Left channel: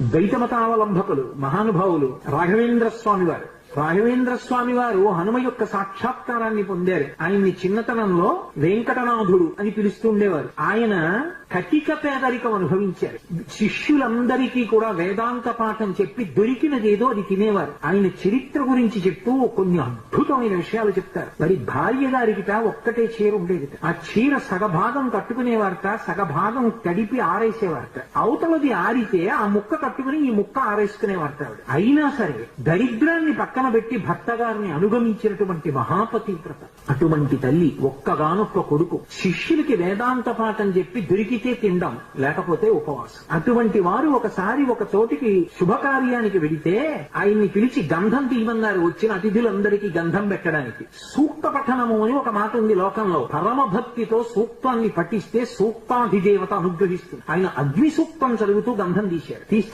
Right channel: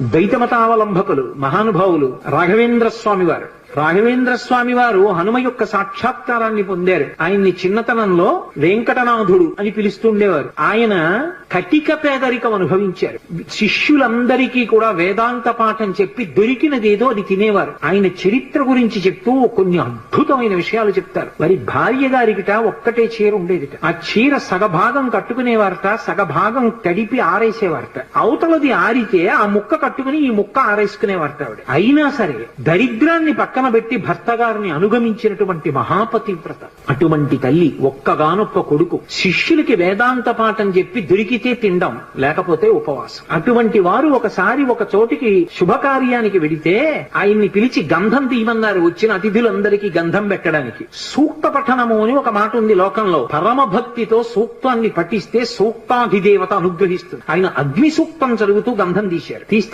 ద్వైతమతావలంబకులు మహానుభావులు రాఘవేంద్ర స్వామి వారు. రాఘవేంద్ర స్వామి వారు హనుమ యొక్క సాక్షాత్కారాన్ని పొందారు. ఆయన్ని చిన్నతనంలో వెంకటనాథుడు అని పిలుస్తుండేవారు. ఆయన కటిక పేదరికం అనుభవించారు. శిష్యులందరికీ కూడా వేదాంత పాఠం చెప్పి దొరికినదేదో అది తినేవారు. ఆయన చరిత్ర గురించి చెప్తూ కొన్ని అద్భుతమైన విషయాలు చెప్తారు. మరి భార్య గారికిట ఒక్కటే చీర ఉండేదిట. ఆ చీర సగభాగం కట్టుకునేవారట, సగభాగం తడిపి ఆరేసేవారట. అవతలది ఆరితే ఆ ముక్క కట్టుకుని ఈ ముక్క ఆరేసుకునేవారట ఆవిడ. అయినా సరే దరిద్రాన్ని పక్కన పెట్టి భర్త గారిని అనుగమించినటువంటి మహాపతివ్రత. అటువంటి తల్లి, ఒక్కగానొక్క కొడుకు, శిష్యులకి వేదాంత పాఠం చెప్పి దొరికితే తినడం, లేకపోతే ఉపవాసం. అటువంటి వారు ఒకసారి ఒక చోటికి శుభకార్యానికి వెడితే ఆయన్ని పిలిచి గంధం తీయమన్నారు. వచ్చిన అతిథులందరికీ గంధం పెట్టడానికి. సూక్త పఠనము అని ఒక మాట ఉంది లోకంలో. పరమ భక్తితో సూక్తాన్ని పఠిస్తే సూక్తాధిదేవత అనుగ్రహిస్తుంది. ఆయన అగ్ని సూక్తం చదువుతూ గంధం తీశారు. తీస్తే